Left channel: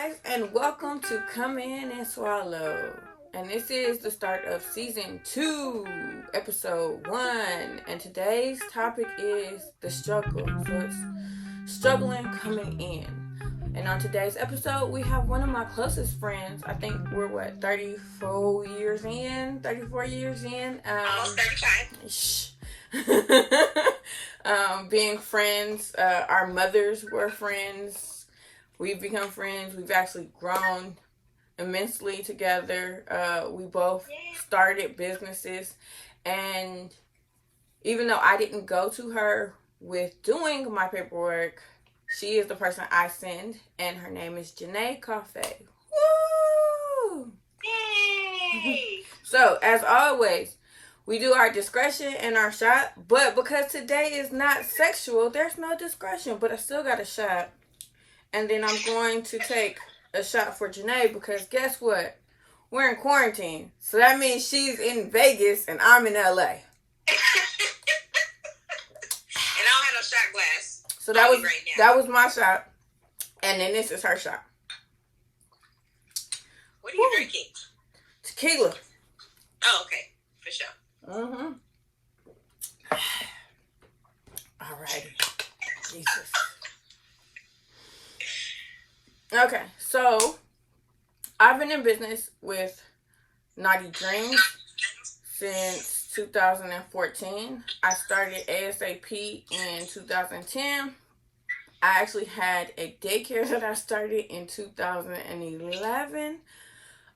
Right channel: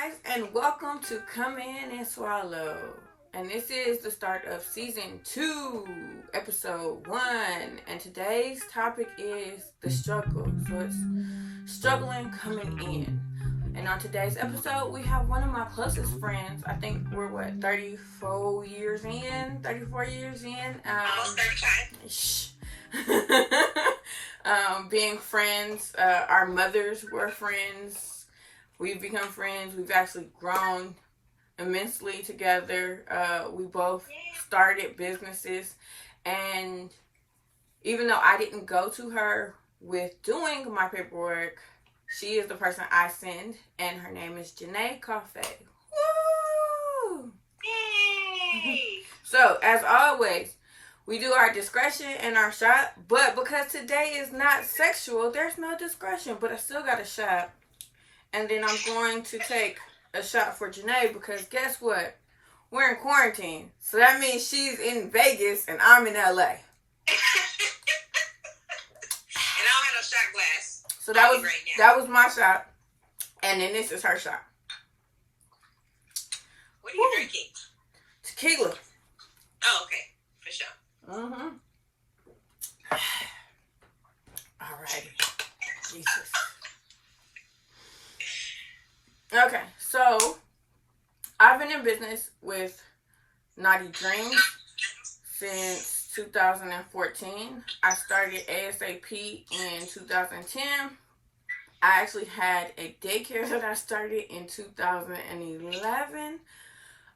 guys, and welcome to Come In and Swallow. And this is the start of season 2, episode 1. And today's topic is the struggle. So it's struggling coming in. And on today's episode, we have one of my closest friends. I think we're 34 years in. Almost 35. Shh. Being friends, our mothers were friends. We've become friends. We've actually grown immensely together. We both started businesses. And even though I didn't go to her with doing my paperwork, she is the person I send. And her name is Janae, Coffey. Woo! Yay! So, as always, we do our discretion and our shot. But because today is not sexual, there's no discretion. But I still got a shot. And then I'm going to take a shot for Janae because guess what? We're in quarantine. So that means she's in Vegas and I'm in LA. And I don't have no shot glass. So that was my shot. And then this is her shot. What are you drinking? Tequila. Oh, okay. For sure. Mm-hmm. Alrighty. Jesus. Okay, so I've been in business with Naughty Dreams since 2014. I started ASAP in 2010. I actually had a daycare that I started in 2011.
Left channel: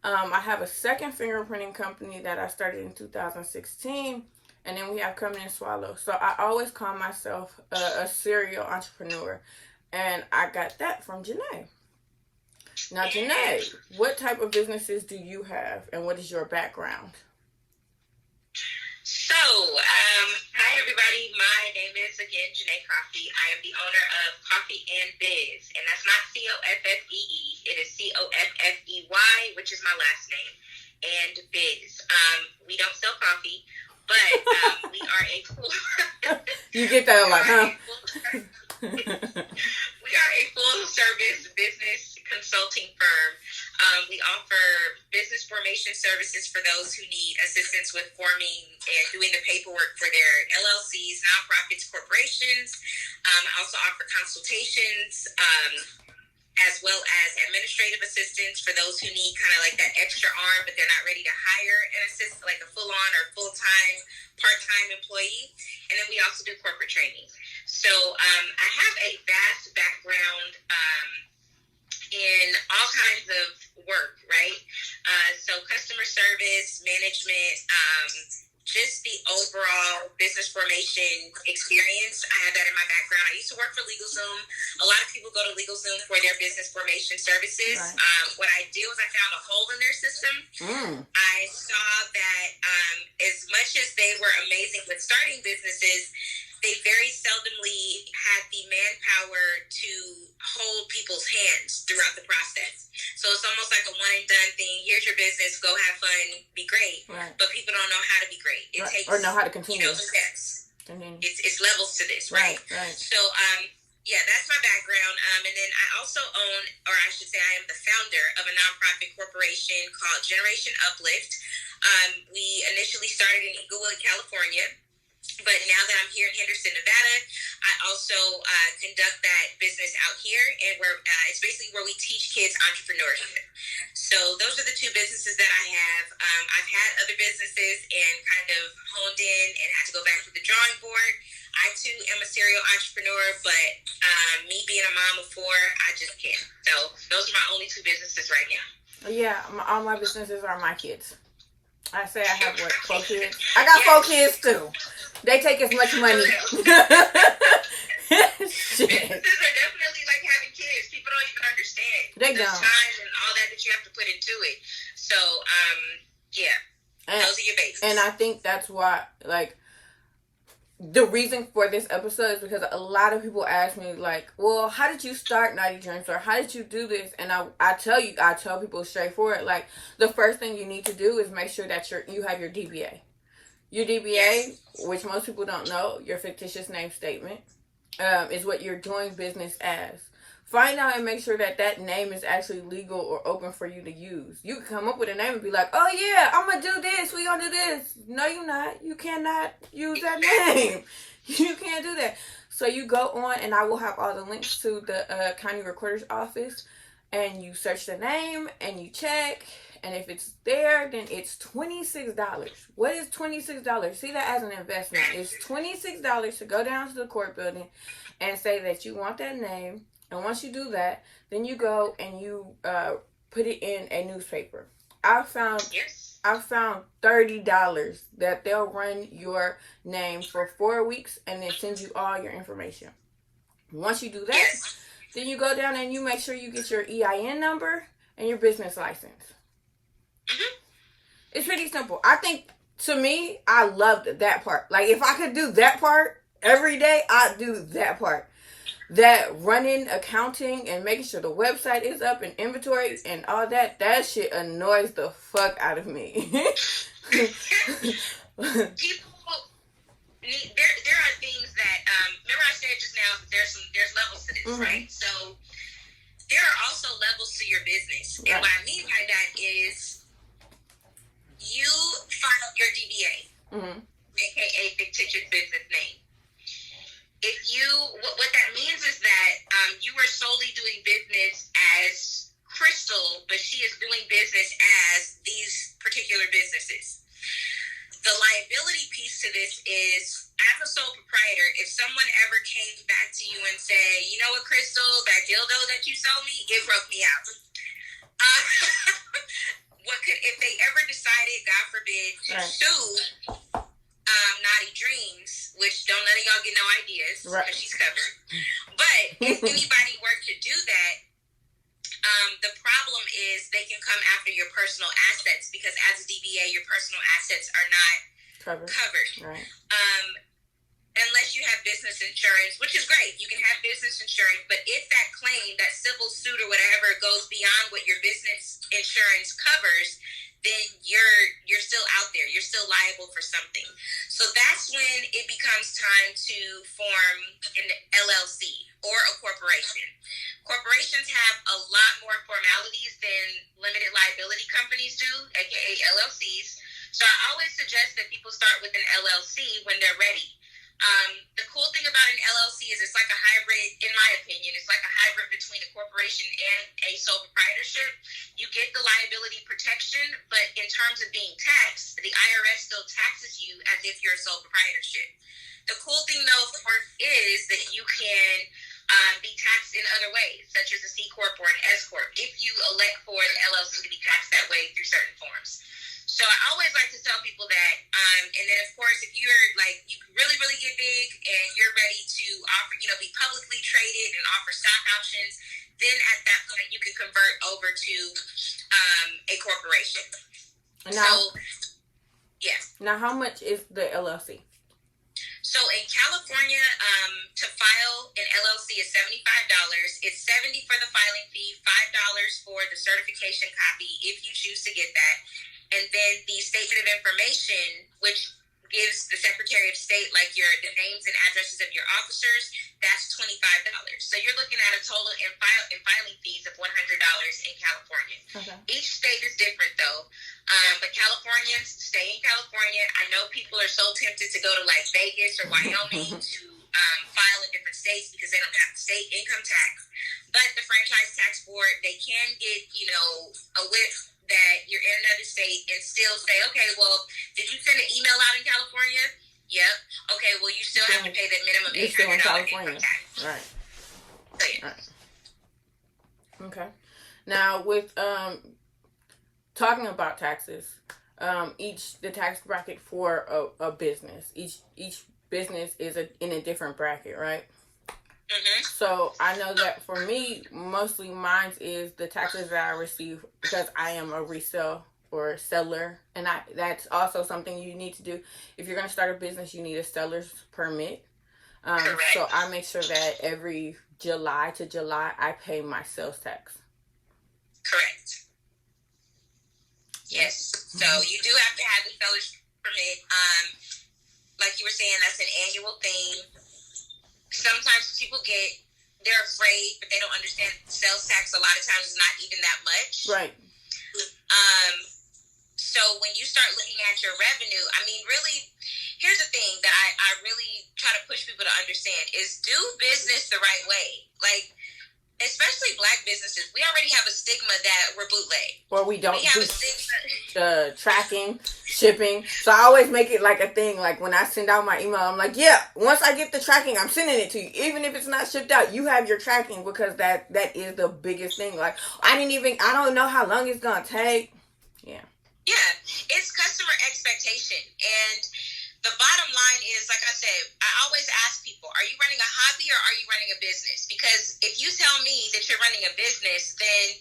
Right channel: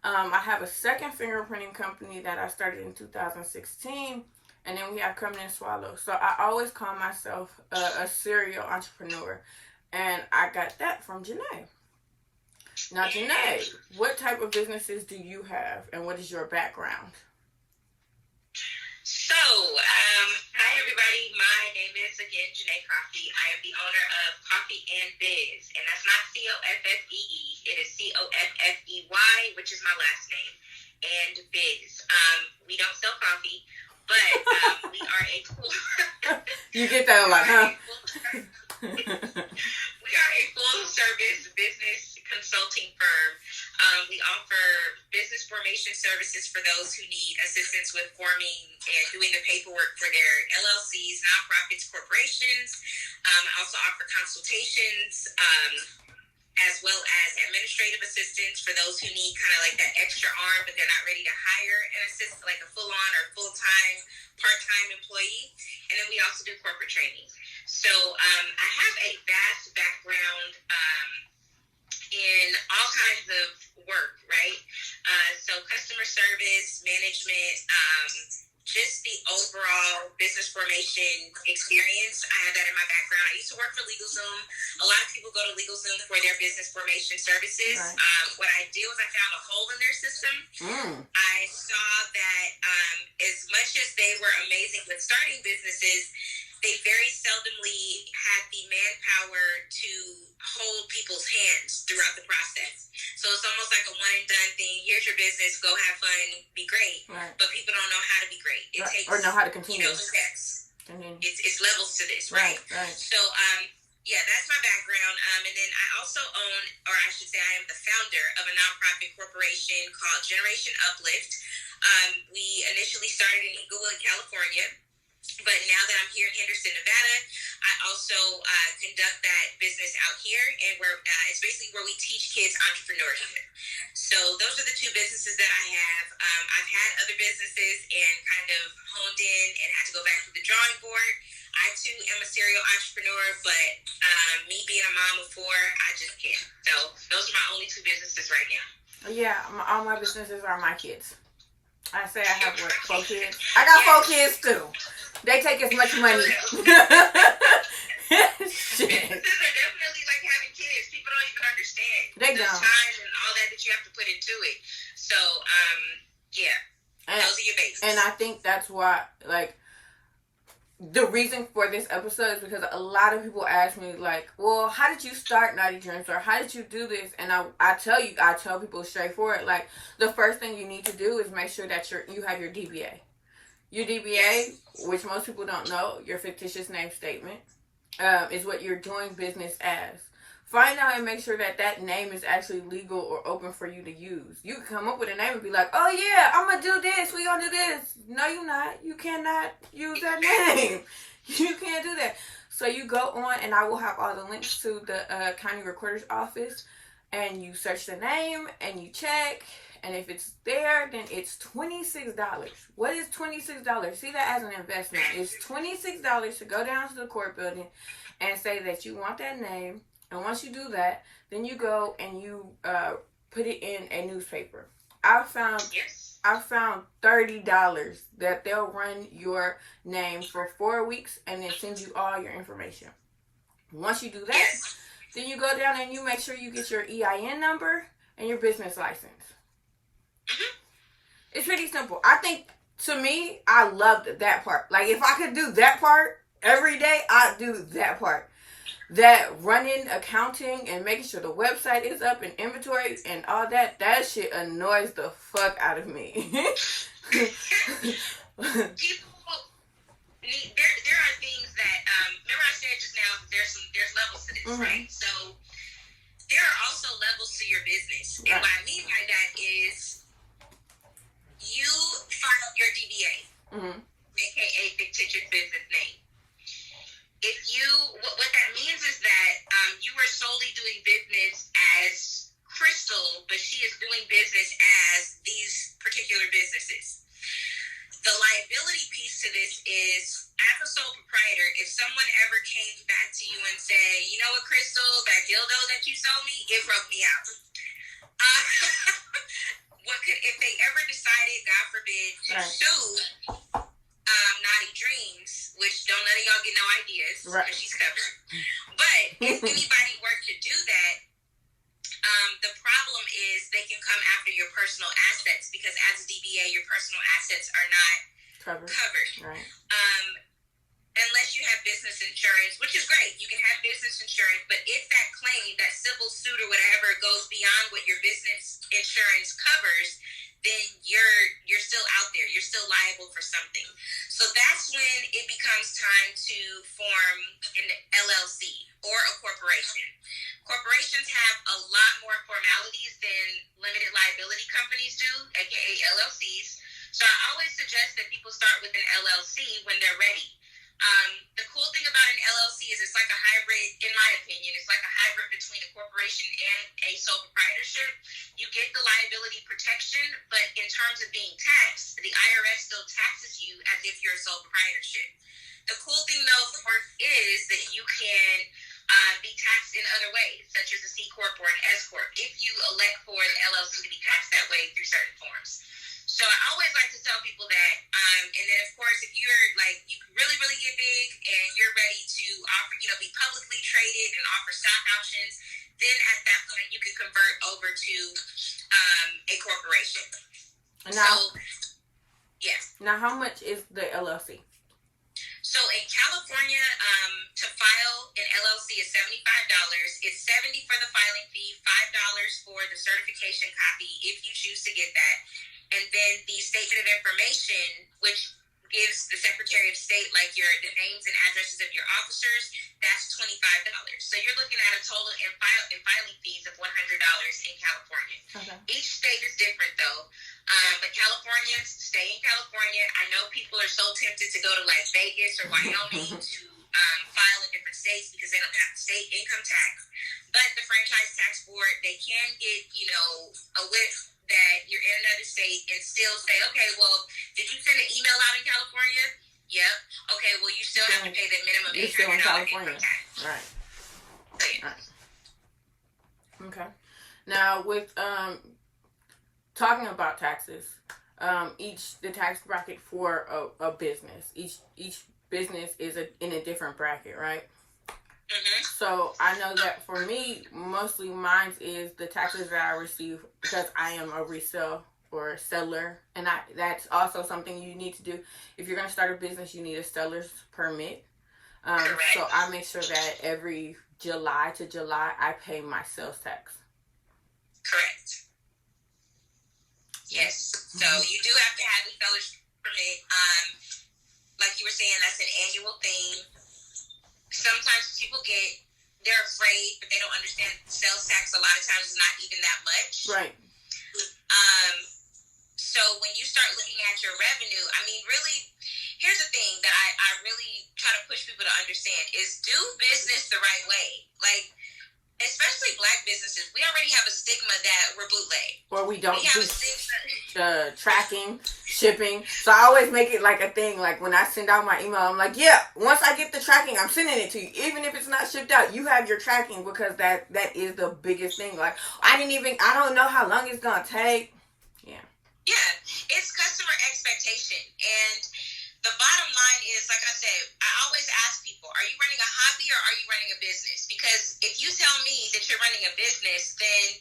I have a second fingerprinting company that I started in 2016. And then we have Cumming In Swallow. So I always call myself a serial entrepreneur. And I got that from Janae. Now, Janae, what type of businesses do you have, and what is your background? So, hi everybody. My name is, again, Janae Coffey. I am the owner of Coffey In Biz, and that's not Coffee. It is Coffey, which is my last name, and Biz. We don't sell coffee, but we are a full... You get that a lot, huh? We are a full-service business consulting firm. We offer business formation services for those who need assistance with forming and doing the paperwork for their LLCs, nonprofits, corporations. I also offer consultations as well as administrative assistance for those who need kind of like that extra arm, but they're not ready to hire an assistant, like a full-on or full-time, part-time employee. And then we also do corporate training. So I have a vast background in all kinds of work, right? So customer service, management, just the overall business formation experience. I have that in my background. I used to work for LegalZoom. A lot of people go to LegalZoom for their business formation services. Right. What I did was I found a hole in their system. I saw that as much as they were amazing with starting businesses, they very seldomly had the manpower to hold people's hands throughout the process. So it's almost like a one and done thing. Here's your business, go have fun, be great. Right. But people don't know how to be great. It takes, or know how to continue. Steps. It's levels to this, right? Right. So, that's my background. And then I also own, or I should say I am the founder of a nonprofit corporation called Generation Uplift. We initially started in Inglewood, California. But now that I'm here in Henderson, Nevada, I also conduct that business out here, and it's basically where we teach kids entrepreneurship. So those are the two businesses that I have. I've had other businesses and kind of honed in and had to go back to the drawing board. I, too, am a serial entrepreneur, but me being a mom of 4, I just can't. So those are my only 2 businesses right now. Yeah, all my businesses are my kids. I say I have, 4 kids? I got 4 kids, too. They take as much money. Shit. Businesses are definitely like having kids. People don't even understand. They the don't. Time and all that you have to put into it. So, those are your bases. And I think that's why, the reason for this episode is because a lot of people ask me, well, how did you start Naughty Dreams? Or how did you do this? And I tell people straightforward, the first thing you need to do is make sure that you have your DBA. Your DBA, which most people don't know, your fictitious name statement, is what you're doing business as. find out and make sure that that name is actually legal or open for you to use. You can come up with a name and be like, oh yeah, I'm going to do this. We going to do this. No, you're not. You cannot use that name. You can't do that. So you go on, and I will have all the links to the county recorder's office, and you search the name and you check. And if it's there, then it's $26. What is $26? See that as an investment. It's $26 to go down to the court building and say that you want that name. And once you do that, then you go and you put it in a newspaper. I found $30 that they'll run your name for 4 weeks and then send you all your information. Once you do that, then you go down and you make sure you get your EIN number and your business license. It's pretty simple. I think, to me, I loved that part. Like, if I could do that part every day, I'd do that part. That running, accounting, and making sure the website is up and inventory and all that, that shit annoys the fuck out of me. People, there are things that, remember I said just now, there's levels to this, right? So, there are also levels to your business. And what I mean by that is, you file your DBA, aka fictitious business name. If you, what that means is that you are solely doing business as Crystal, but she is doing business as these particular businesses. The liability piece to this is, as a sole proprietor, if someone ever came back to you and said, you know what, Crystal, that dildo that you sold me, it broke me out. If they ever decided, God forbid, to sue Naughty Dreams, which don't let y'all get no ideas, because she's covered. But if anybody were to do that, the problem is they can come after your personal assets, because as a DBA, your personal assets are not covered. Right. Unless you have business insurance, which is great. You can have business insurance, but if that claim, that civil suit or whatever, goes beyond what your business insurance covers, then you're still out there. You're still liable for something. So that's when it becomes time to form an LLC or a corporation. Corporations have a lot more formalities than limited liability companies do, aka LLCs. So I always suggest that people start with an LLC when they're ready. The cool thing about an LLC is it's like a hybrid, in my opinion, it's like a hybrid between a corporation and a sole proprietorship. You get the liability protection, but in terms of being taxed, the IRS still taxes you as if you're a sole proprietorship. The cool thing, though, is that you can be taxed in other ways, such as a C Corp or an S Corp, if you elect for the LLC to be taxed that way through certain forms. So I always like to tell people that, and then of course, if you're like, you really, really get big and you're ready to offer, be publicly traded and offer stock options, then at that point you can convert over to a corporation. Now, Now, how much is the LLC? So in California, to file an LLC is $75. It's $70 for the filing fee, $5 for the certification copy if you choose to get that. And then the statement of information, which gives the Secretary of State the names and addresses of your officers, that's $25. So you're looking at a total in filing fees of $100 in California. Okay. Each state is different though. But Californians, stay in California. I know people are so tempted to go to like Vegas or Wyoming to file in different states because they don't have state income tax. But the Franchise Tax Board, they can get, a whiff that you're in another state and still say, okay, well, did you send an email out in California? Yep. Okay, well, you still have to pay that minimum $800 income tax. Right. So, yeah. Right. Okay. Now, with talking about taxes, the tax bracket for a business, each business is in a different bracket, right? Mm-hmm. So I know that for me, mostly mine is the taxes that I receive because I am a resale or seller, and that's also something you need to do. If you're going to start a business, you need a seller's permit. So I make sure that every July to July I pay my sales tax. Correct. Yes. So you do have to have the seller's permit. Like you were saying, that's an annual thing. Sometimes people get they're afraid, but they don't understand sales tax a lot of times is not even that much. Right. So when you start looking at your revenue, I mean, really, here's the thing that I really try to push people to understand is do business the right way. Like, especially Black businesses, we already have a stigma that we're bootleg. Or we don't do tracking, shipping. So I always make it like a thing. Like when I send out my email, I'm like, yeah, once I get the tracking, I'm sending it to you. Even if it's not shipped out, you have your tracking, because that is the biggest thing. Like I don't know how long it's going to take. Yeah, it's customer expectation. And the bottom line is, like I said, I always ask people, are you running a hobby or are you running a business? Because if you tell me that you're running a business, then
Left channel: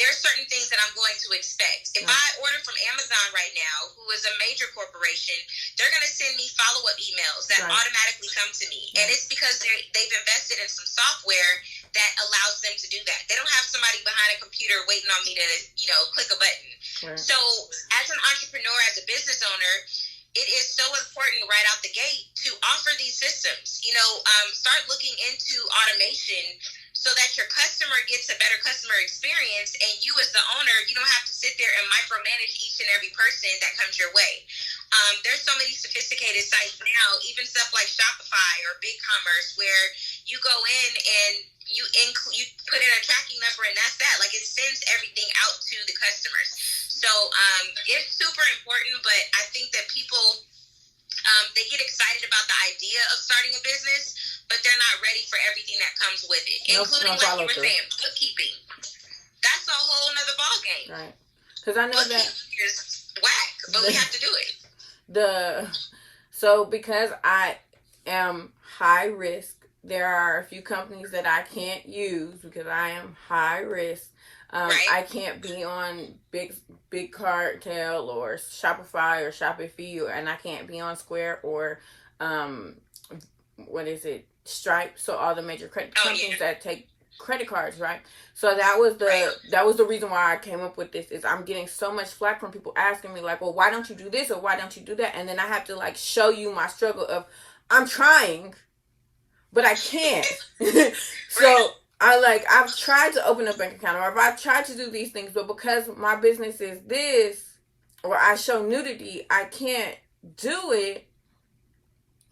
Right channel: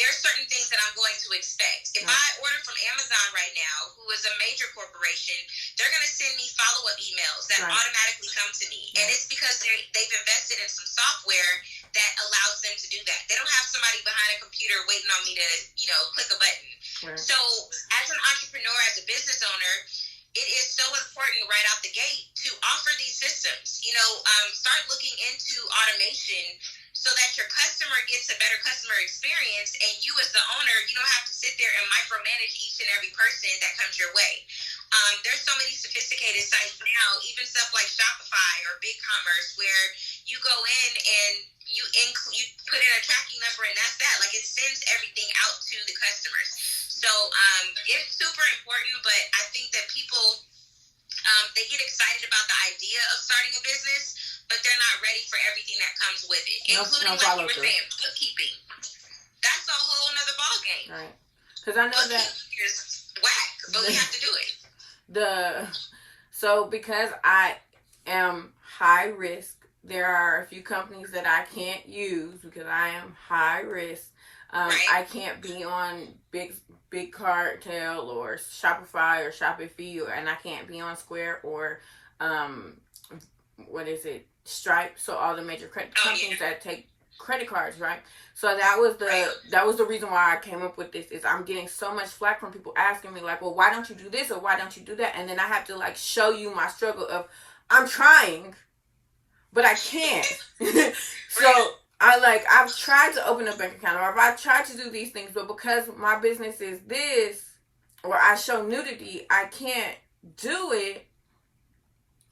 there's certain things that I'm going to expect. If I order from Amazon right now, who is a major corporation, they're going to send me follow-up emails that automatically come to me. And it's because they've invested in some software that allows them to do that. They don't have somebody behind a computer waiting on me to, click a button. So as an entrepreneur, as a business owner, it is so important right out the gate to offer these systems. Start looking into automation so that your customer gets a better customer experience, and you as the owner, you don't have to sit there and micromanage each and every person that comes your way. There's so many sophisticated sites now, even stuff like Shopify or BigCommerce, where you go in and you put in a tracking number and that's that. Like it sends everything out to the customers. So it's super important, but I think that people, they get excited about the idea of starting a business, but they're not ready for everything that comes with it, including, like you were saying, bookkeeping. That's a whole nother ballgame. Right. Because I know that is whack, but we have to do it. So because I am high risk, there are a few companies that I can't use because I am high risk. I can't be on Big Cartel or Shopify or Shopify, and I can't be on Square or Stripe. So all the major credit companies that take credit cards, right? So that was the reason why I came up with this. Is I'm getting so much flack from people asking me like, well, why don't you do this or why don't you do that? And then I have to like show you my struggle of I'm trying, but I can't. So I've tried to open a bank account or I've tried to do these things, but because my business is this, or I show nudity, I can't do it.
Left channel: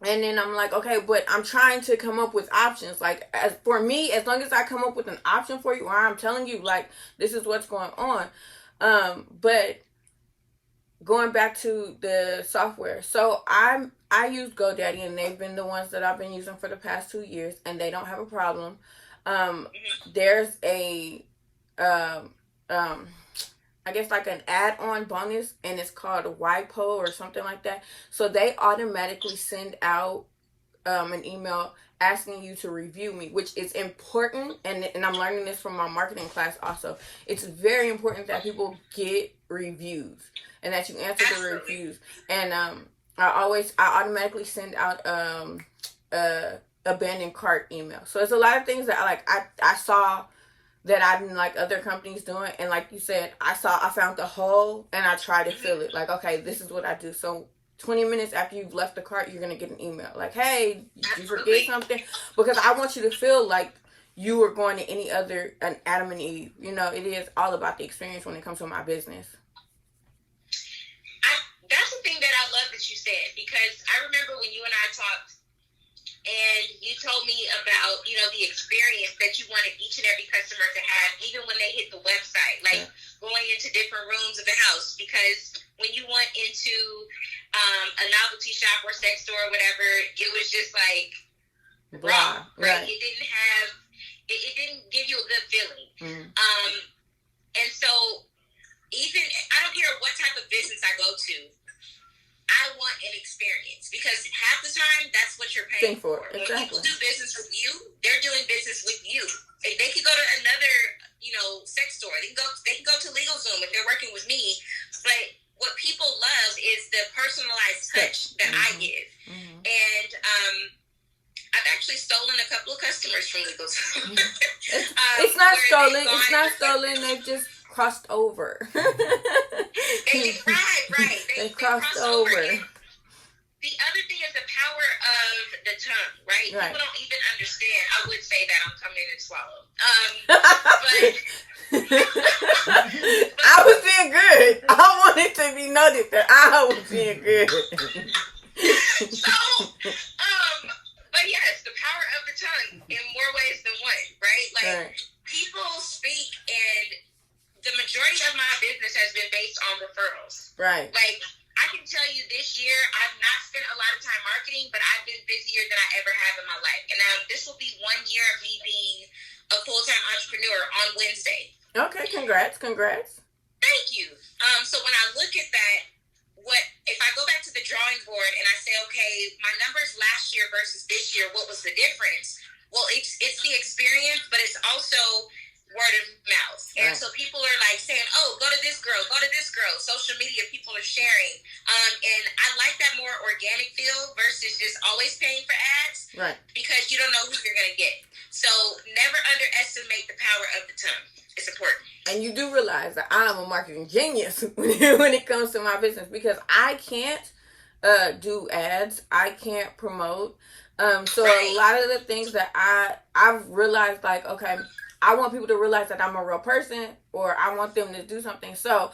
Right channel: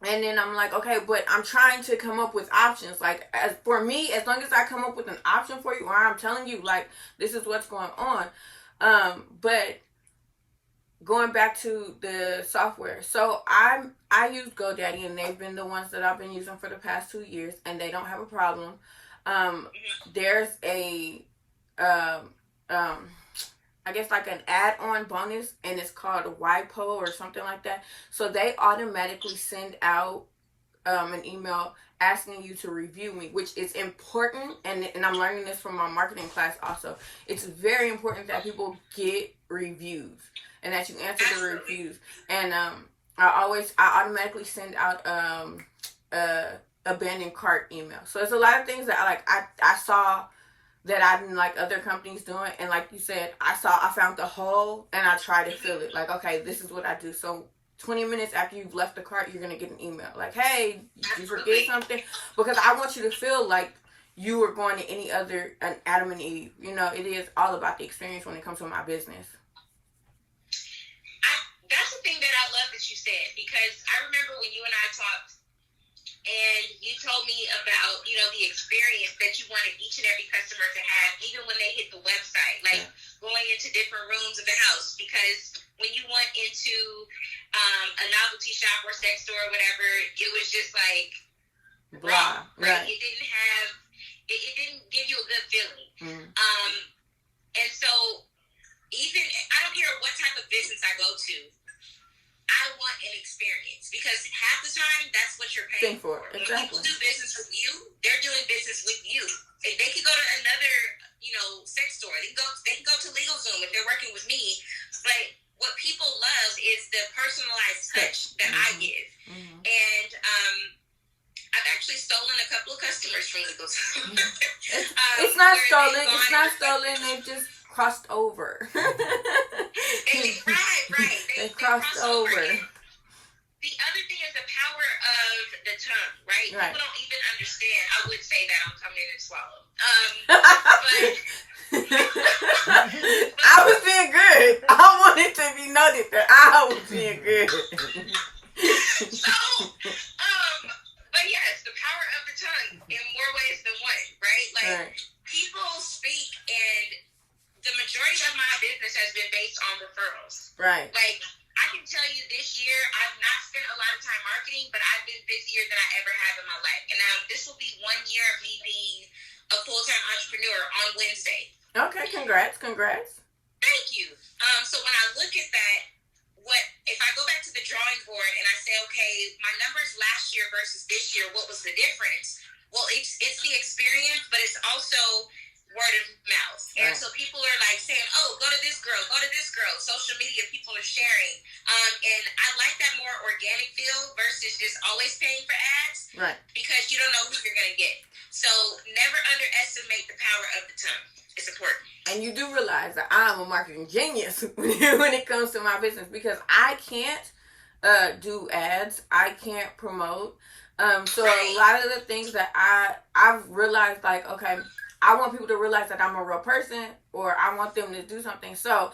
And then I'm like, okay, but I'm trying to come up with options. Like, for me, as long as I come up with an option for you, or I'm telling you, like, this is what's going on. But going back to the software. So I use GoDaddy, and they've been the ones that I've been using for the past 2 years, and they don't have a problem. There's a, I guess like an add-on bonus, and it's called YPO or something like that. So they automatically send out an email asking you to review me, which is important. And I'm learning this from my marketing class also. It's very important that people get reviews and that you answer the reviews. And I automatically send out abandoned cart email. So it's a lot of things that I saw that I didn't like other companies doing, and like you said, I found the hole and I tried to fill it. Like, okay, this is what I do. So 20 minutes after you've left the cart, you're gonna get an email like, hey, did you forget something? Because I want you to feel like you were going to any other an Adam and Eve. It is all about the experience when it comes to my business. That's the thing that I love that you said, because I remember when you and I talked, and you told me about, the experience that you wanted each and every customer to have, even when they hit the website, like going into different rooms of the house. Because when you went into a novelty shop or sex store or whatever, it was just like raw, right? It didn't give you a good feeling. And so even, I don't care what type of business I go to, I want an experience, because half the time that's what you're paying for. Exactly. When people do business with you, they're doing business with you. If they could go to another, sex store. They can go to LegalZoom if they're working with me. But what people love is the personalized touch that I give. And I've actually stolen a couple of customers from LegalZoom. It's not stolen. It's not stolen. They've just crossed over. Right. They crossed over. The other thing is the power of the tongue, right? People don't even understand. I would say that on Cumming In noted that I was being good. So, but yes, the power of the tongue in more ways than one, right? Like, right. People speak, and the majority of my business has been based on referrals. Right. Like, I can tell you this year, I've not spent a lot of time marketing, but I've been busier than I ever have in my life. And now this will be 1 year of me being a full-time entrepreneur on Wednesday. Okay, congrats. Thank you. So when I look at that, if I go back to the drawing board and I say, okay, my numbers last year versus this year, what was the difference? Well, it's the experience, but it's also word of mouth. And so people are like saying, oh, go to this girl. Social media, people are sharing. And I like that more organic feel versus just always paying for ads. Right. Because you don't know who you're going to get. So never underestimate the power of the tongue. It's important. And you do realize that I'm a marketing genius when it comes to my business, because I can't do ads. I can't promote. So a lot of the things that I've realized, like, okay, I want people to realize that I'm a real person, or I want them to do something. So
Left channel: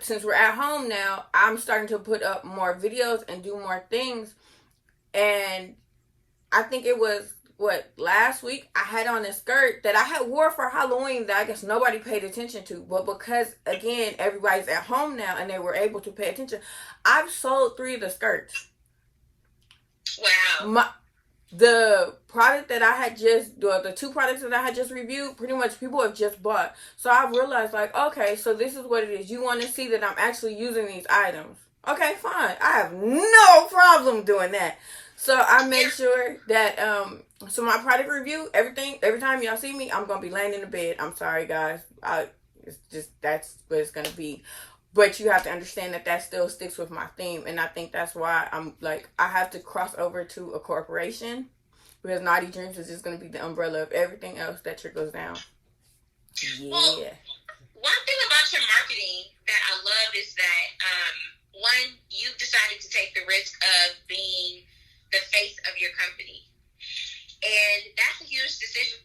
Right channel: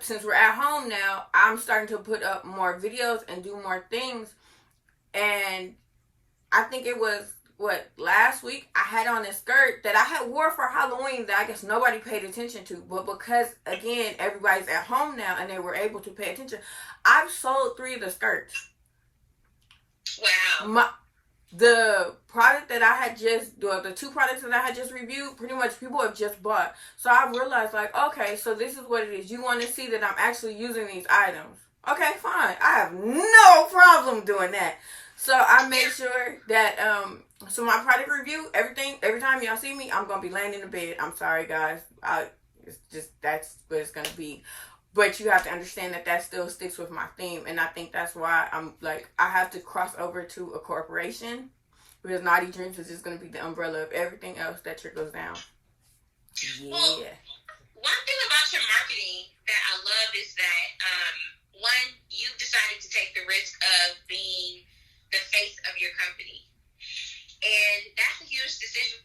since we're at home now, I'm starting to put up more videos and do more things. And I think it was, last week I had on a skirt that I had wore for Halloween that I guess nobody paid attention to. But because, again, everybody's at home now and they were able to pay attention, I've sold 3 of the skirts. Wow. The product that I had the 2 products that I had just reviewed, pretty much people have just bought. So I realized, like, okay, so this is what it is. You want to see that I'm actually using these items. Okay, fine. I have no problem doing that. So I made sure that, so my product review, everything, every time y'all see me, I'm going to be laying in the bed. I'm sorry, guys. It's just, that's what it's going to be. But you have to understand that still sticks with my theme. And I think that's why I'm like, I have to cross over to a corporation, because Naughty Dreams is just going to be the umbrella of everything else that trickles down. Yeah. Well, one thing about your marketing that I love is that, one, you've decided to take the risk of being the face of your company. And that's a huge decision.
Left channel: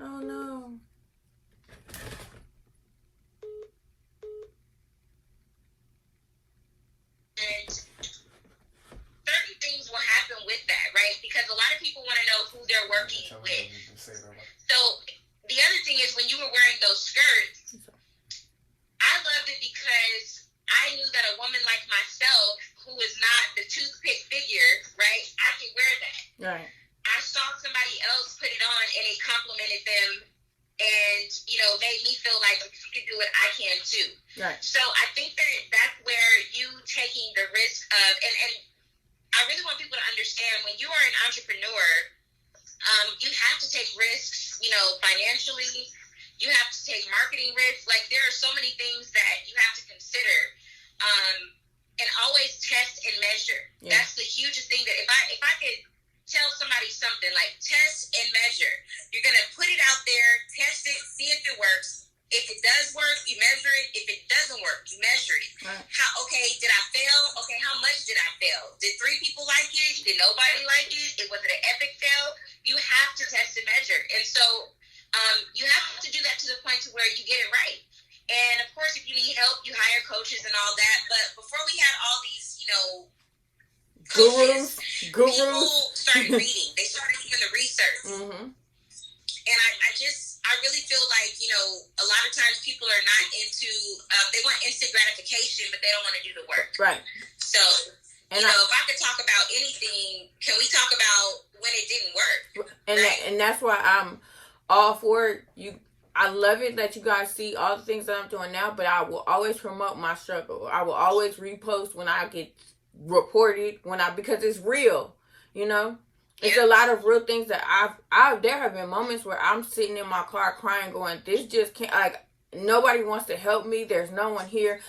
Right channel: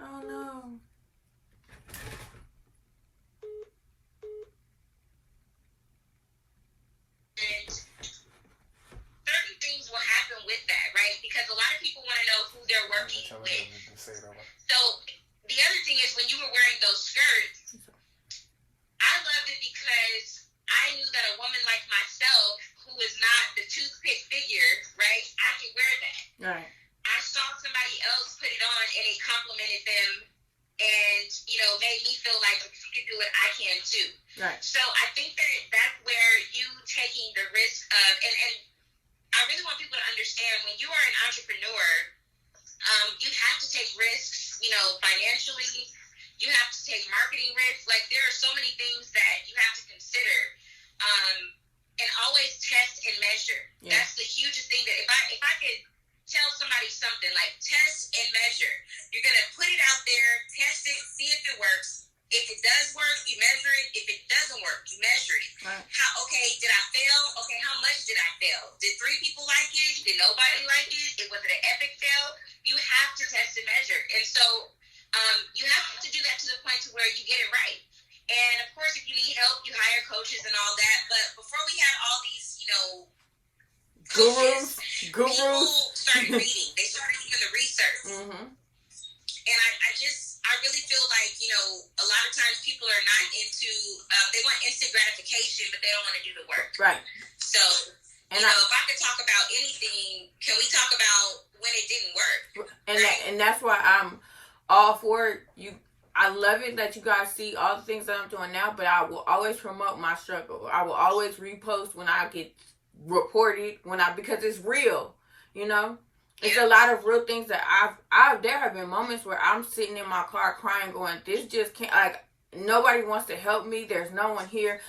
Oh, no. And certain things will happen with that, right? Because a lot of people want to know who they're working with. So the other thing is, when you were wearing those skirts, I loved it because I knew that a woman like myself, who is not the toothpick figure, right, I can wear that. Right. I saw somebody else put it on and it complimented them, and, made me feel like if you can do it, I can too. Right. So I think that that's where you taking the risk of, and I really want people to understand, when you are an entrepreneur, you have to take risks, financially. You have to take marketing risks. Like, there are so many things that you have to consider. And always test and measure. Yeah. That's the hugest thing that if I could tell somebody something, like, test and measure. You're going to put it out there, test it, see if it works. If it does work, you measure it. If it doesn't work, you measure it. Right. Did I fail? Okay, how much did I fail? Did 3 people like it? Did nobody like it? Was it an epic fail? You have to test and measure. And so you have to do that to the point to where you get it right. And, of course, if you need help, you hire coaches and all that. But before we had all these, gurus, people started reading. They started doing the research. Mm-hmm. And I really feel like, a lot of times people are not into, they want instant gratification, but they don't want to do the work. Right. So, if I could talk about anything, can we talk about when it didn't work? And right? And that's why I'm all for you. I love it that you guys see all the things that I'm doing now, but I will always promote my struggle. I will always repost when I get reported, because it's real, It's a lot of real things that there have been moments where I'm sitting in my car crying, going, this just can't, like, nobody wants to help me. There's no one here.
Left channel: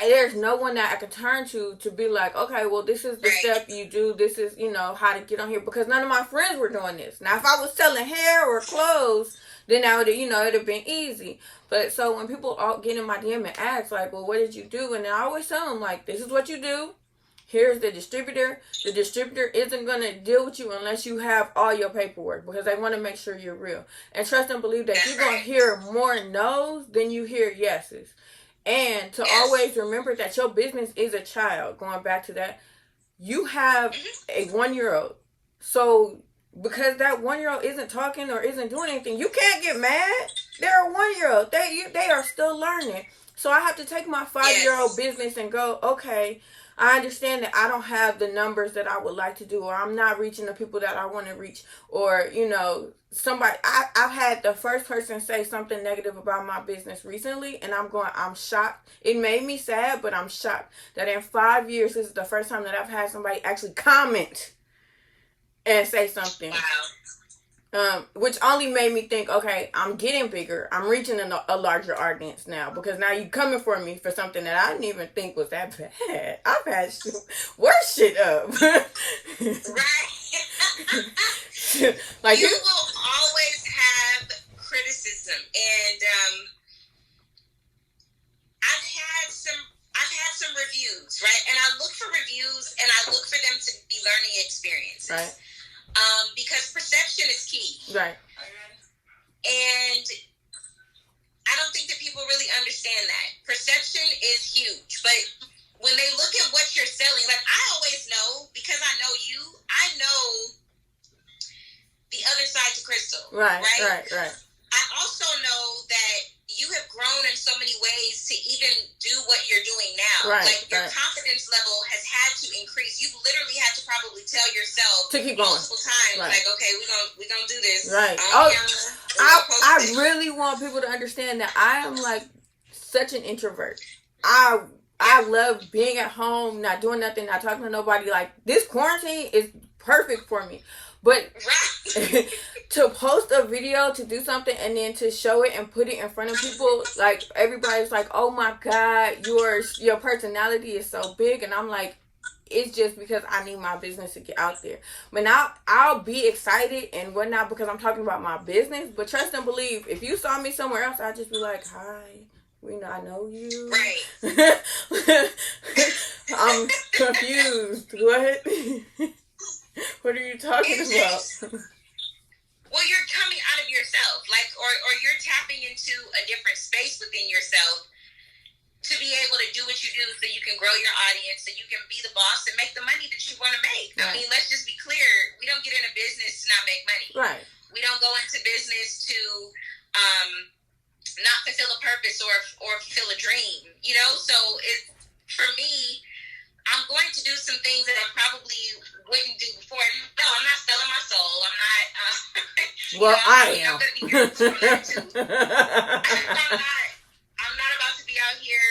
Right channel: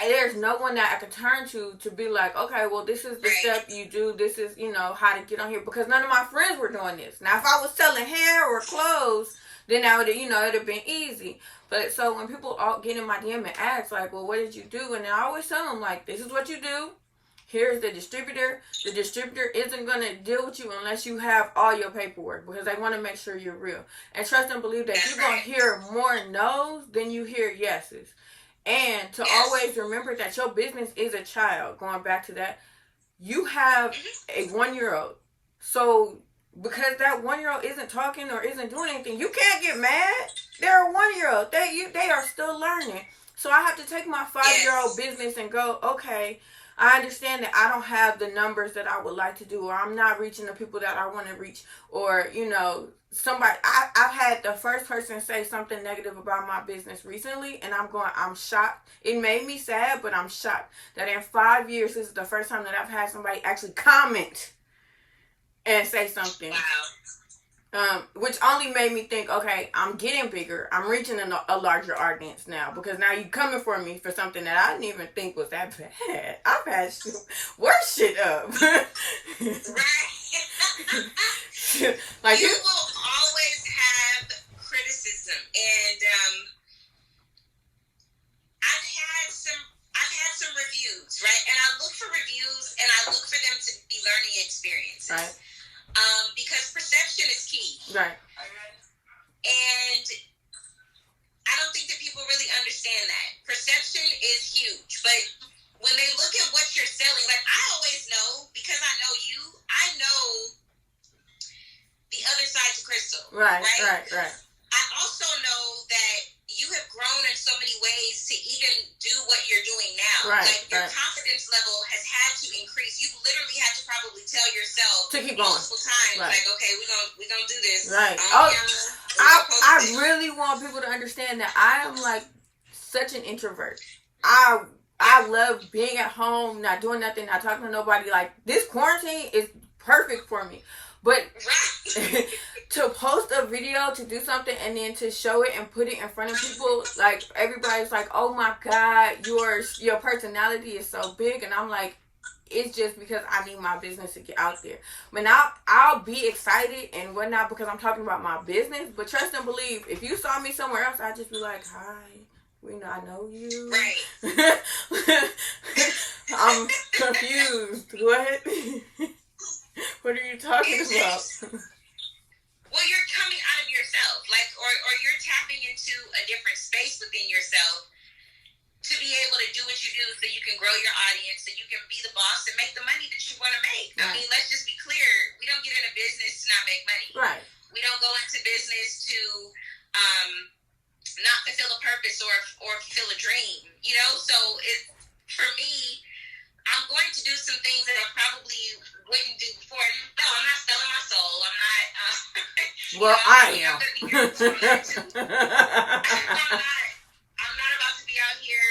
There's no one that I can turn to be like, okay, well, this is the step you do. This is, how to get on here. Because none of my friends were doing this. Now, if I was selling hair or clothes, then that would, it would have been easy. But so when people all get in my DM and ask, like, well, what did you do? And I always tell them, like, this is what you do. Here's the distributor. The distributor isn't going to deal with you unless you have all your paperwork, because they want to make sure you're real. And trust and believe that you're going to hear more no's than you hear yeses. And to always remember that your business is a child. Going back to that, you have a 1-year-old. So because that 1-year-old isn't talking or isn't doing anything, you can't get mad. They're a 1-year-old. They are still learning. So I have to take my 5-year-old business and go, okay, I understand that I don't have the numbers that I would like to do, or I'm not reaching the people that I want to reach, or, you know, somebody, I've had the first person say something negative about my business recently, and I'm shocked. It made me sad, but I'm shocked that in 5 years, this is the first time that I've had somebody actually comment and say something. Which only made me think, okay, I'm getting bigger. I'm reaching a larger audience now, because now you coming for me for something that I didn't even think was that bad. I've had worse shit up. Right. Like you will always have criticism, and I've had some reviews, right? And I look for reviews, and I look for them to be learning experiences, right? Because perception is key, right? And I don't think that people really understand that perception is huge. But when they look at what you're selling, like I always know, because I know you, I know the other side to Crystal, right? I also know that you have grown in so many ways to even do what you're doing now. Right, like your confidence level has had to increase. You've literally had to probably tell yourself to keep going multiple times, like, okay, we're gonna do this. Right. I really want people to understand that I am like such an introvert. I love being at home, not doing nothing, not talking to nobody. Like this quarantine is perfect for me. But to post a video, to do something, and then to show it and put it in front of people, like everybody's like, "Oh my God, your personality is so big," and I'm like, it's just because I need my business to get out there. But now I'll be excited and whatnot because I'm talking about my business. But trust and believe, if you saw me somewhere else, I'd just be like, "Hi, I know you." Right. I'm confused. What? What are you talking about? Well, you're coming out of yourself, like, or you're tapping into a different space within yourself to be able to do what you do, so you can grow your audience, so you can be the boss and make the money that you want to make. Right. I mean, let's just be clear: we don't get into business to not make money. Right. We don't go into business to not fulfill a purpose or fulfill a dream. You know, so for me, I'm going to do some things that I probably wouldn't do before. No, I'm not selling my soul. I'm not. Well, I am. I'm not about to be out here,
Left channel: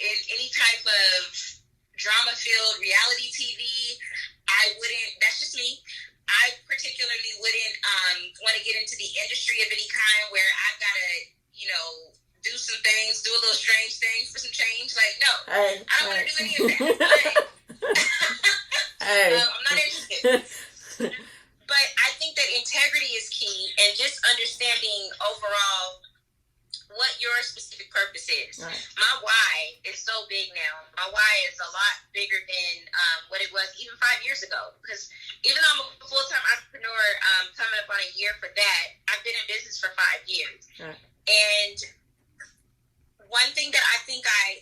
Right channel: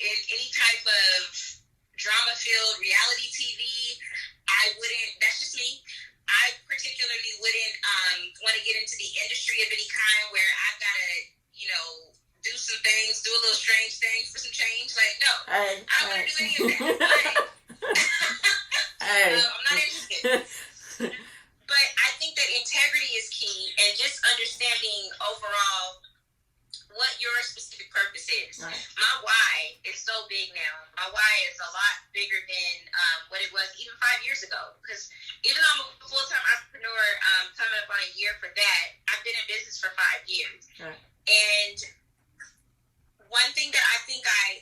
in any type of drama-filled reality TV. I wouldn't. That's just me. I particularly wouldn't want to get into the industry of any kind where I've got to, do some things, do a little strange things for some change. Like, no, I don't want to do any of that. I'm not interested. But I think that integrity is key, and just understanding overall what your specific purpose is. Right. My why is so big now. My why is a lot bigger than what it was even 5 years ago. Because even though I'm a full-time entrepreneur, coming up on a year for that, I've been in business for 5 years. Right. And one thing that I think I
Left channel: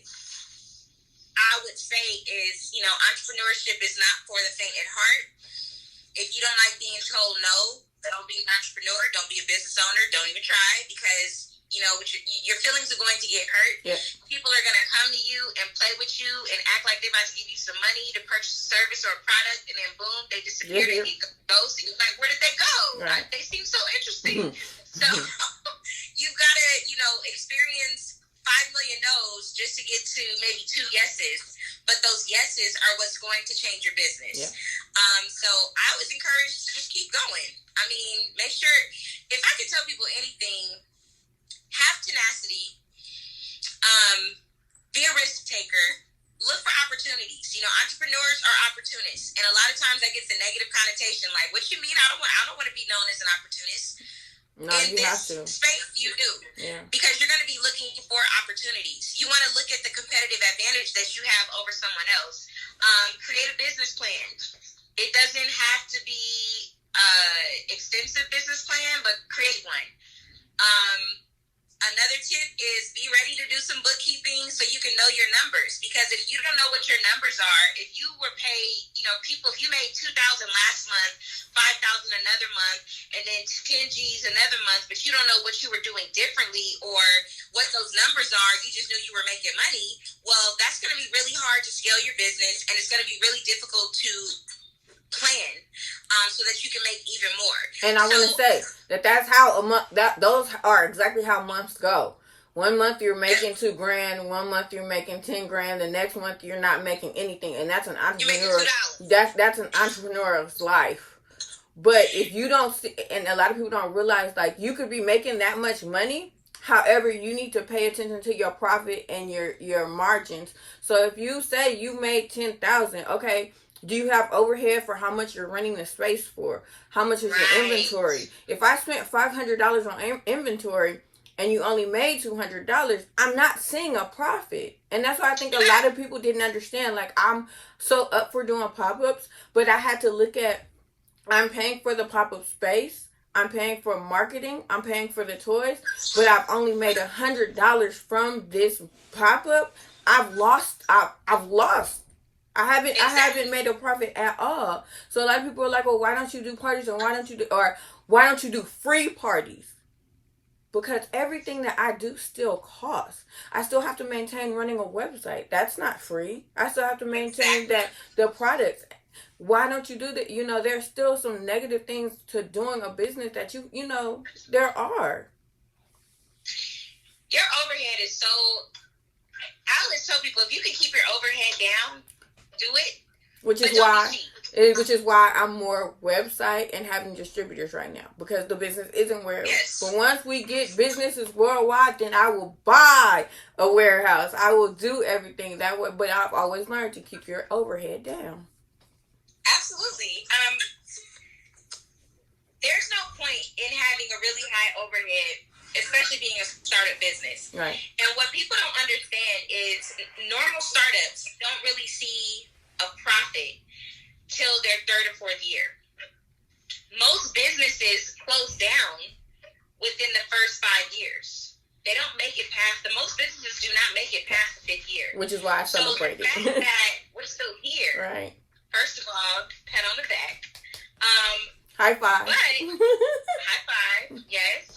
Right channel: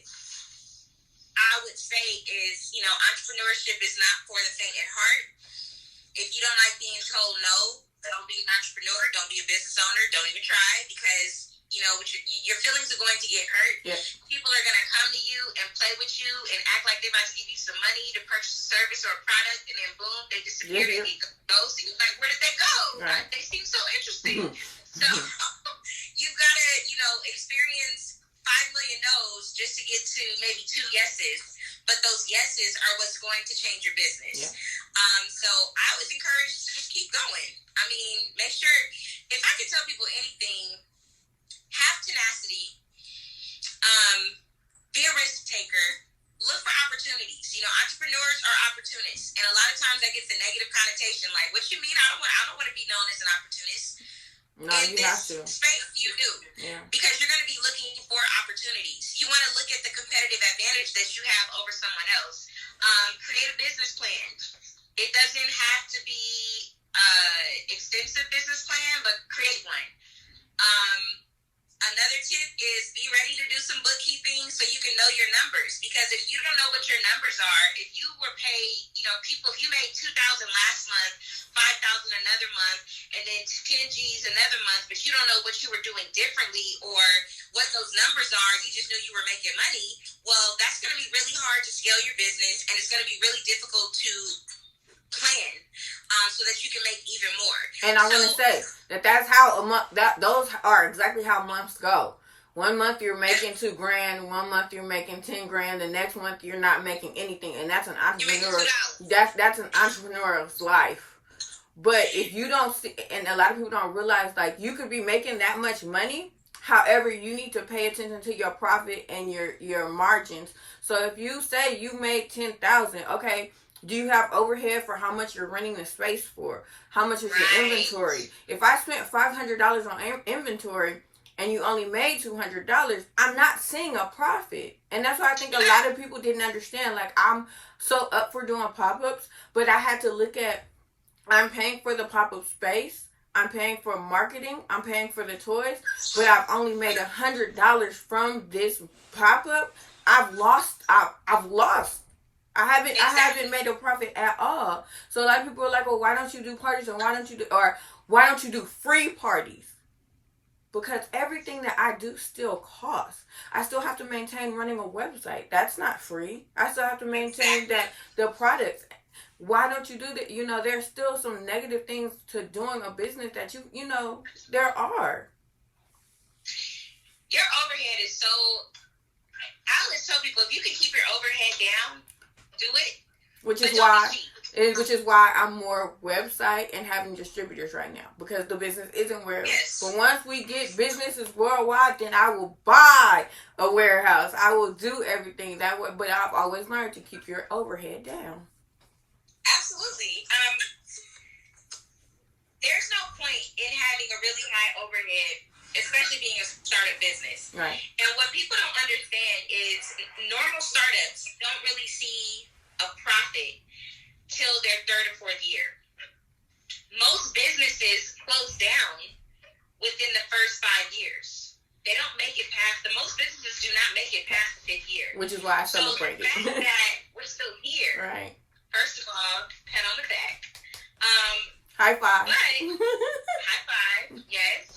would say is, entrepreneurship is not for the faint at heart. If you don't like being told no, don't be an entrepreneur, don't be a business owner, don't even try, because your feelings are going to get hurt. Yeah. People are going to come to you and play with you and act like they're about to give you some money to purchase a service or a product, and then boom, they disappear. Yeah. They ghost, and you're like, where did they go? Right. They seem so interesting. So you've got to, experience 5 million no's just to get to maybe 2 yeses. But those yeses are what's going to change your business. Yeah. So I was encouraged to just keep going. I mean, make sure, if I could tell people anything, have tenacity, be a risk taker, look for opportunities. Entrepreneurs are opportunists, and a lot of times that gets a negative connotation. Like, what you mean? I don't want to be known as an opportunist. No, you have to. Space, you do. Yeah. Because you're going to be looking for opportunities. You want to look at the competitive advantage that you have over someone else. Create a business plan. It doesn't have to be extensive business plan, but create one. Another tip is be ready to do some bookkeeping so you can know your numbers. Because if you don't know what your numbers are, if you were paid, people, if you made $2,000 last month, $5,000 another month, and then 10 G's another month, but you don't know what you were doing differently or what those numbers are, you just knew you were making money, well, that's going to be really hard to scale your business, and it's going to be really difficult to plan so that you can make even more. And I want to say that's how a month, those are exactly how months go. 1 month you're making $2,000, 1 month you're making $10,000, the next month you're not making anything, and that's an entrepreneur. That's an entrepreneur's life. But if you don't see, and a lot of people don't realize, like, you could be making that much money. However, you need to pay attention to your profit and your margins. So if you say you made $10,000, okay, do you have overhead for how much you're running the space for? How much is your inventory? If I spent $500 on inventory and you only made $200, I'm not seeing a profit. And that's why I think a lot of people didn't understand. Like, I'm so up for doing pop-ups, but I had to look at, I'm paying for the pop-up space, I'm paying for marketing, I'm paying for the toys, but I've only made $100 from this pop-up. I've lost. I haven't made a profit at all. So a lot of people are like, well, why don't you do parties, or why don't you do free parties? Because everything that I do still costs. I still have to maintain running a website. That's not free. I still have to maintain the products. Why don't you do that? There's still some negative things to doing a business that there are. Your overhead is so, I always tell people, if you can keep your overhead down, do it. Which is why I'm more website and having distributors right now, because the business isn't warehouse. Yes. But once we get businesses worldwide, then I will buy a warehouse. I will do everything that way. But I've always learned to keep your overhead down. Absolutely. There's no point in having a really high overhead, especially being a startup business. Right. And what people don't understand is normal startups don't really see a profit till their third or fourth year. Most businesses close down within the first 5 years. They don't make it past, most businesses do not make it past the 5th year. Which is why I celebrate it. So the fact that we're still here, right. First of all, pat on the back. High five. High five, yes.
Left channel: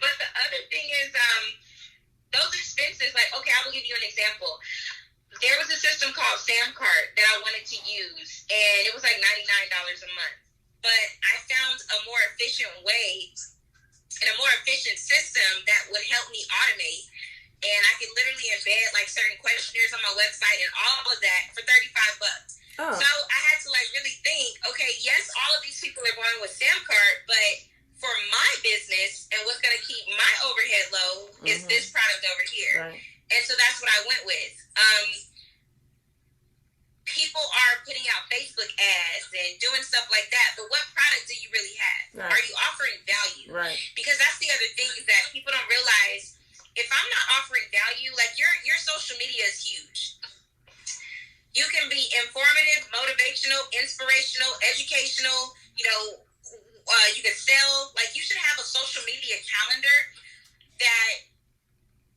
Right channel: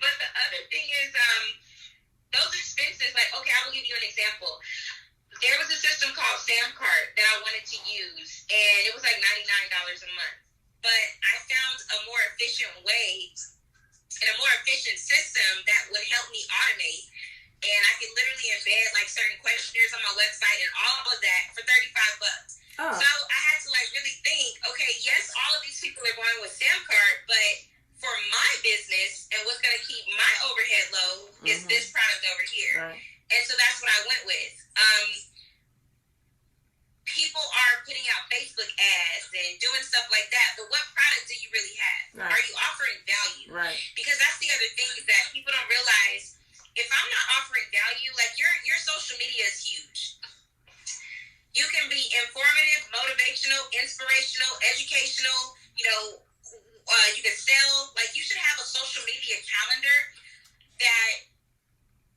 But the other thing is, those expenses, like, okay, I will give you an example. There was a system called Samcart that I wanted to use, and it was like $99 a month. But I found a more efficient way and a more efficient system that would help me automate. And I could literally embed like certain questionnaires on my website and all of that for $35. Oh. So I had to like really think, okay, yes, all of these people are going with Samcart, but for my business and what's going to keep my overhead low is this product over here. Right. And so that's what I went with. People are putting out Facebook ads and doing stuff like that, but what product do you really have? Right. Are you offering value? Right. Because that's the other thing, is that people don't realize, if I'm not offering value, like your social media is huge. You can be informative, motivational, inspirational, educational, you can sell. Like, you should have a social media calendar that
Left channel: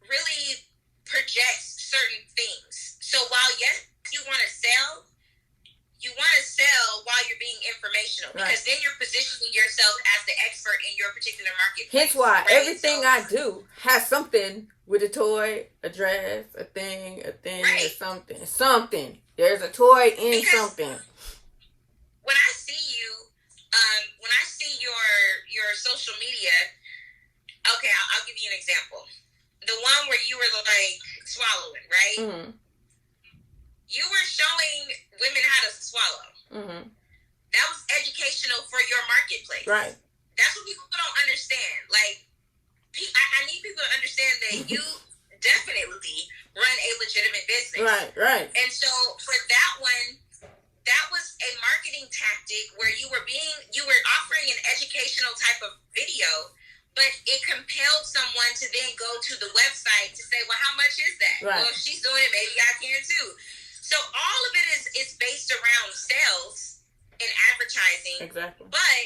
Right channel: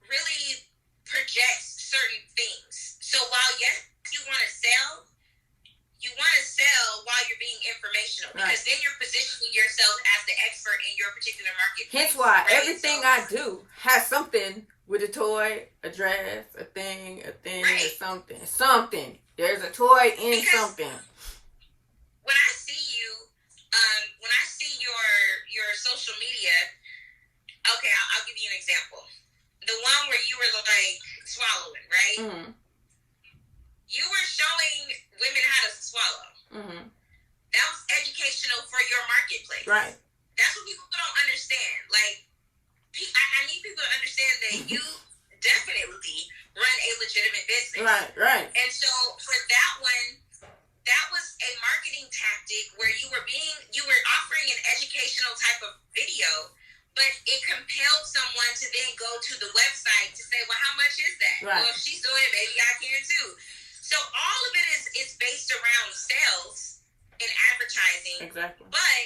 really projects certain things. So while, yes, you want to sell while you're being informational, because then you're positioning yourself as the expert in your particular market. Hence why everything I do has something with a toy, a dress, a thing, right. or something. There's a toy in something. When I see you, when I see your social media, okay, I'll give you an example. The one where you were like swallowing, right? Mm-hmm. You were showing women how to swallow. Mm-hmm. That was educational for your marketplace. Right. That's what people don't understand. Like, I need people to understand that you definitely run a legitimate business. Right. And so for that one, that was a marketing tactic where you were offering an educational type of video, but it compelled someone to then go to the website to say, well, how much is that? Right. Well, if she's doing it, maybe I can too. So all of it is based around sales and advertising. Exactly. But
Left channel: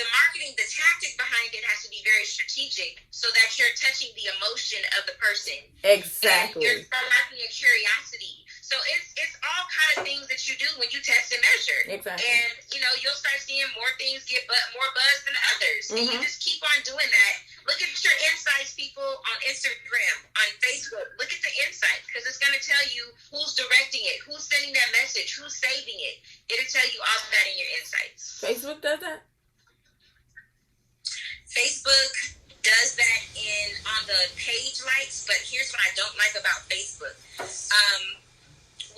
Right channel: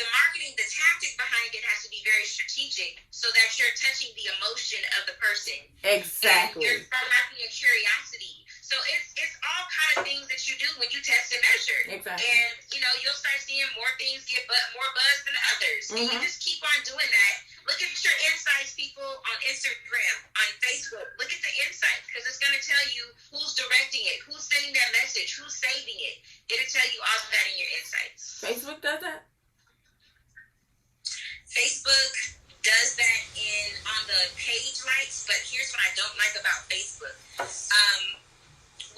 the marketing, the tactic behind it has to be very strategic so that you're touching the emotion of the person. Exactly. And you're sparking a curiosity. So it's all kind of things that you do when you test and measure. Exactly. And, you'll start seeing more things get more buzz than others. And you just keep on doing that. Look at your insights, people, on Instagram, on Facebook. Look at the insights, because it's going to tell you who's directing it, who's sending that message, who's saving it. It'll tell you all of that in your insights. Facebook does that? Facebook does that on the page likes, but here's what I don't like about Facebook.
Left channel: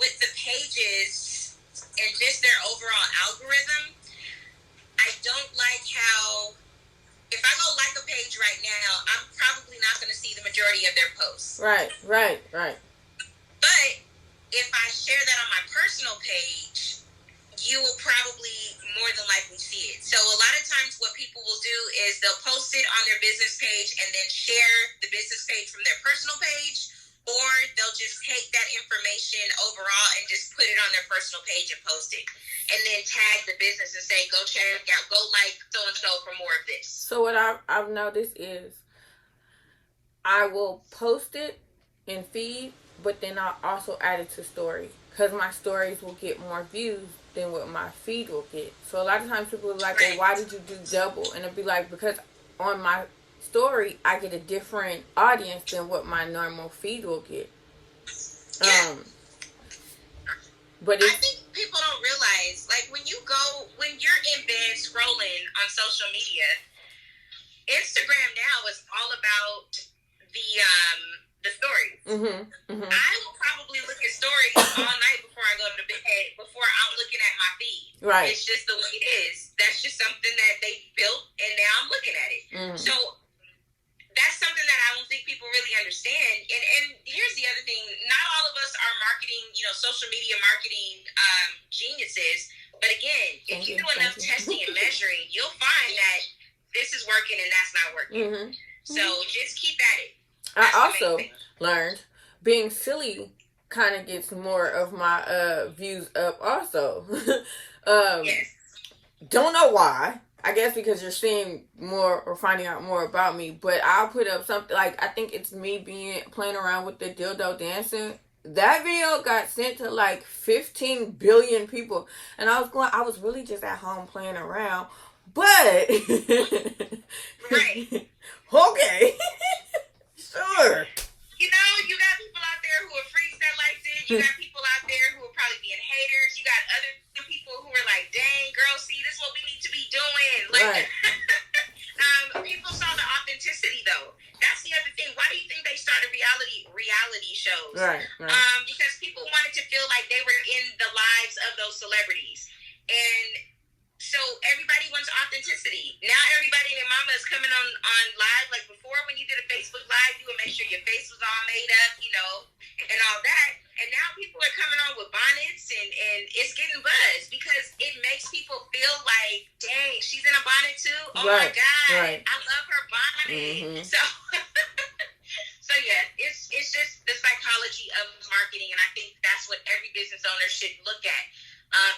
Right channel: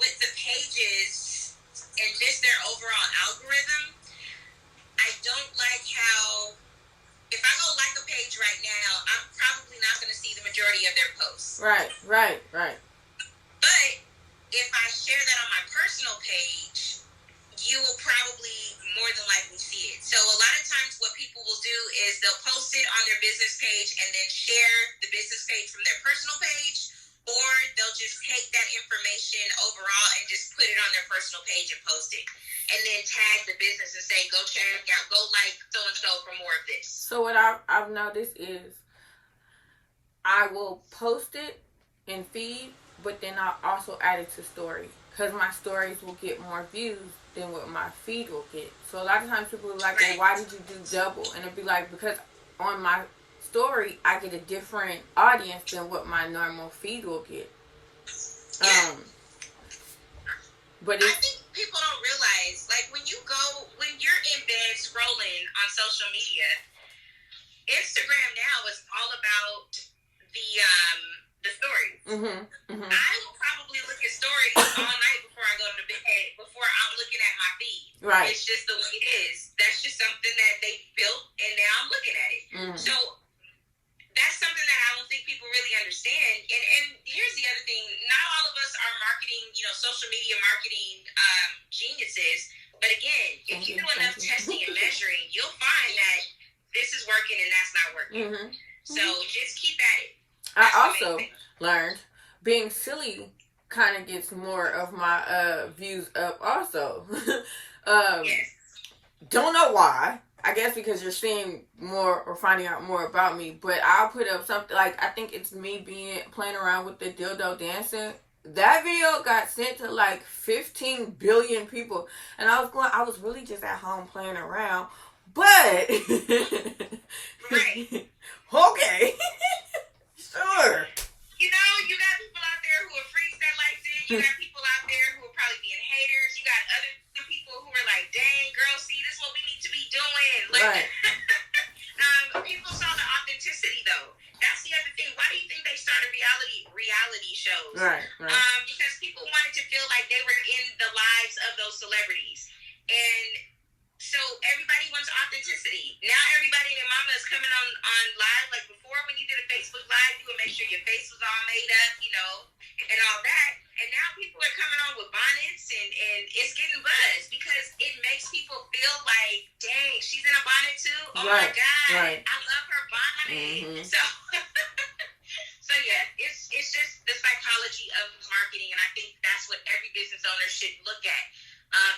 With the pages and just their overall algorithm, I don't like how, if I go like a page right now, I'm probably not going to see the majority of their posts. Right. But if I share that on my personal page, you will probably more than likely see it. So a lot of times what people will do is they'll post it on their business page and then share the business page from their personal page, or they'll just take that information overall and just put it on their personal page and post it. And then tag the business and say, go check out, go like so-and-so for more of this. So what I've noticed is I will post it in feed, but then I'll also add it to story. Because my stories will get more views than what my feed will get. So a lot of times people are like, well, why did you do double? And it'd be like, because on my story, I get a different audience than what my normal feed will get. But I think people don't realize, like, when you're in bed scrolling on social media, Instagram now is all about the stories. I will probably look at stories all night before I go to bed, before I'm looking at my feed. Right. It's just the way it is. That's just something that they built, and now I'm looking at it. So that's something that I don't think people really understand. And here's the other thing. Not all of us are marketing, social media marketing geniuses. But again, if you do enough testing and measuring, you'll find that this is working and that's not working. So just keep at it. I also learned being silly kind of gets more of my views up also. Yes. Don't know why. I guess because you're seeing more or finding out more about me. But I'll put up something like, I think it's me playing around with the dildo dancing. That video got sent to like 15 billion people. And I was really just at home playing around. But Right. Okay. Sure. You got people out there who are freaks that like this. You got people out there who are probably being haters. You got other people who are like, dang, girl, see, this is what we need to be doing. Like, people saw the authenticity, though. That's the other thing. Why do you think they started reality shows? Right. Because people wanted to feel like they were in the lives of those celebrities. And so everybody wants authenticity. Now everybody and their mama is coming on live. Like before, when you did a Facebook Live, you would make sure your face was all made up, and all that. And now people are coming on with bonnets, and it's getting buzz because it makes people feel like, dang, she's in a bonnet too? Oh my God, I love her bonnet. So yeah, it's just the psychology of marketing, and I think that's what every business owner should look at.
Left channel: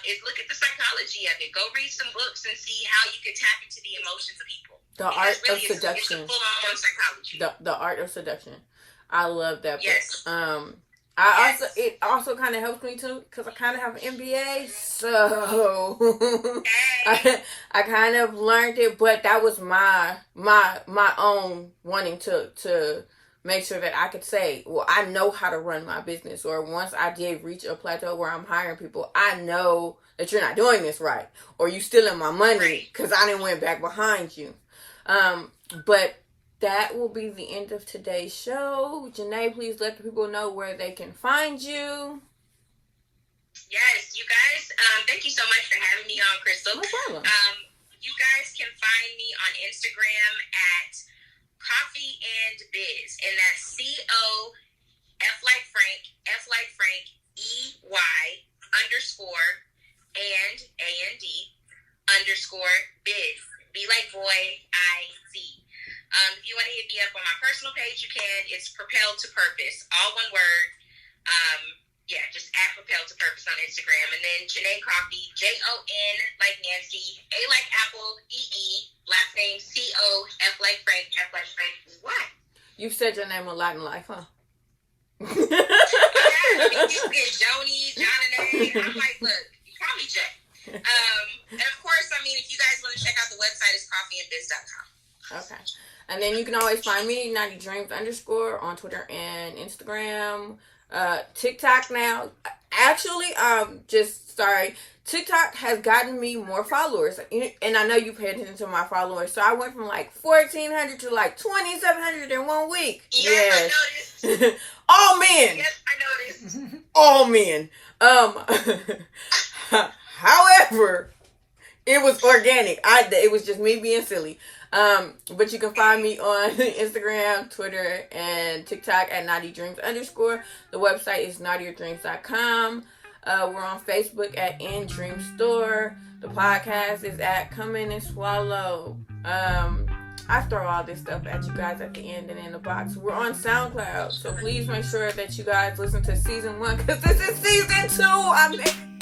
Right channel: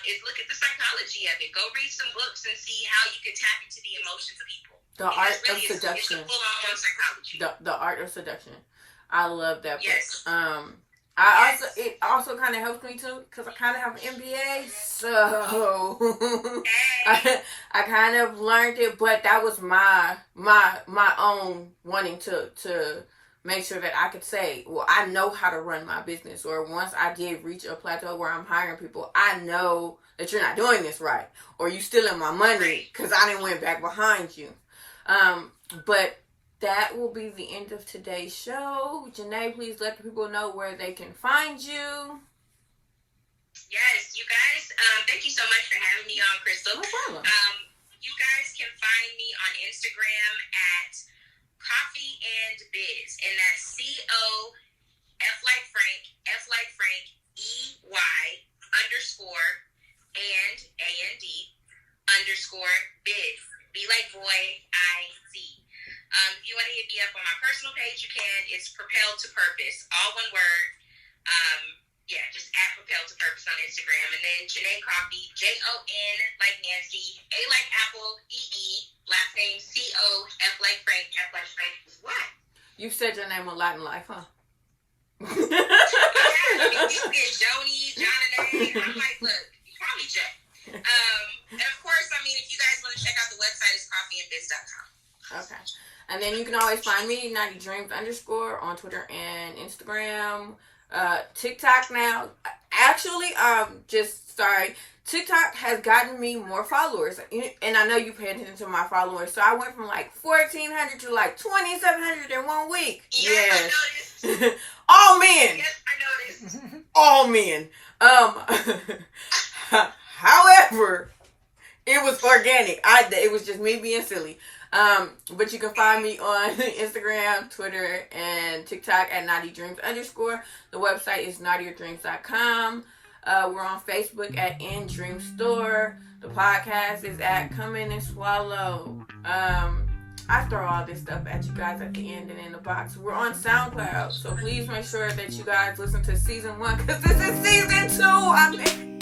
Is look at the psychology of it. Go read some books and see how you can tap into the emotions of people. The Art of Seduction. It's full-on psychology. The Art of Seduction. I love that book. Yes. It also kind of helps me too because I kind of have an MBA, so I kind of learned it. But that was my own wanting to make sure that I could say, well, I know how to run my business. Or once I did reach a plateau where I'm hiring people, I know that you're not doing this right. Or you stealing my money because I didn't went back behind you. But that will be the end of today's show. Janae, please let the people know where they can find you. Yes, you guys, thank you so much for having me on, Crystal. No problem. You guys can find me on Instagram at Coffey and Biz, and that's COF like Frank, F like Frank, EY underscore and AND underscore biz. B like boy, IZ. If you want to hit me up on my personal page, you can. It's Propel to Purpose, all one word. Just at Propel to Purpose on Instagram. And then Jonae Coffey, JON like Nancy, A like Apple, EE, name, C-O-F like Frank, F like Frank. What? You've said your name a lot in life, huh? I mean, you get Jonae, Jonae. I'm like, look, call me Jay. And of course, I mean, if you guys want to check out the website, it's coffeeandbiz.com. Okay. And then you can always find me, @NaughtyDreams_ on Twitter and Instagram. TikTok now. Actually, TikTok has gotten me more followers. And I know you pay attention to my followers. So I went from like 1,400 to like 2,700 in 1 week. Yes. I noticed. All men. Yes, I noticed. All men. However, it was organic. It was just me being silly. But you can find me on Instagram, Twitter, and TikTok @NaughtyDreams_. The website is naughtyerdreams.com. We're on Facebook @In Dream Store. The podcast is @Cumming In Swallow. I throw all this stuff at you guys at the end and in the box. We're on SoundCloud, so please make sure that you guys listen to season 1 because this is season 2.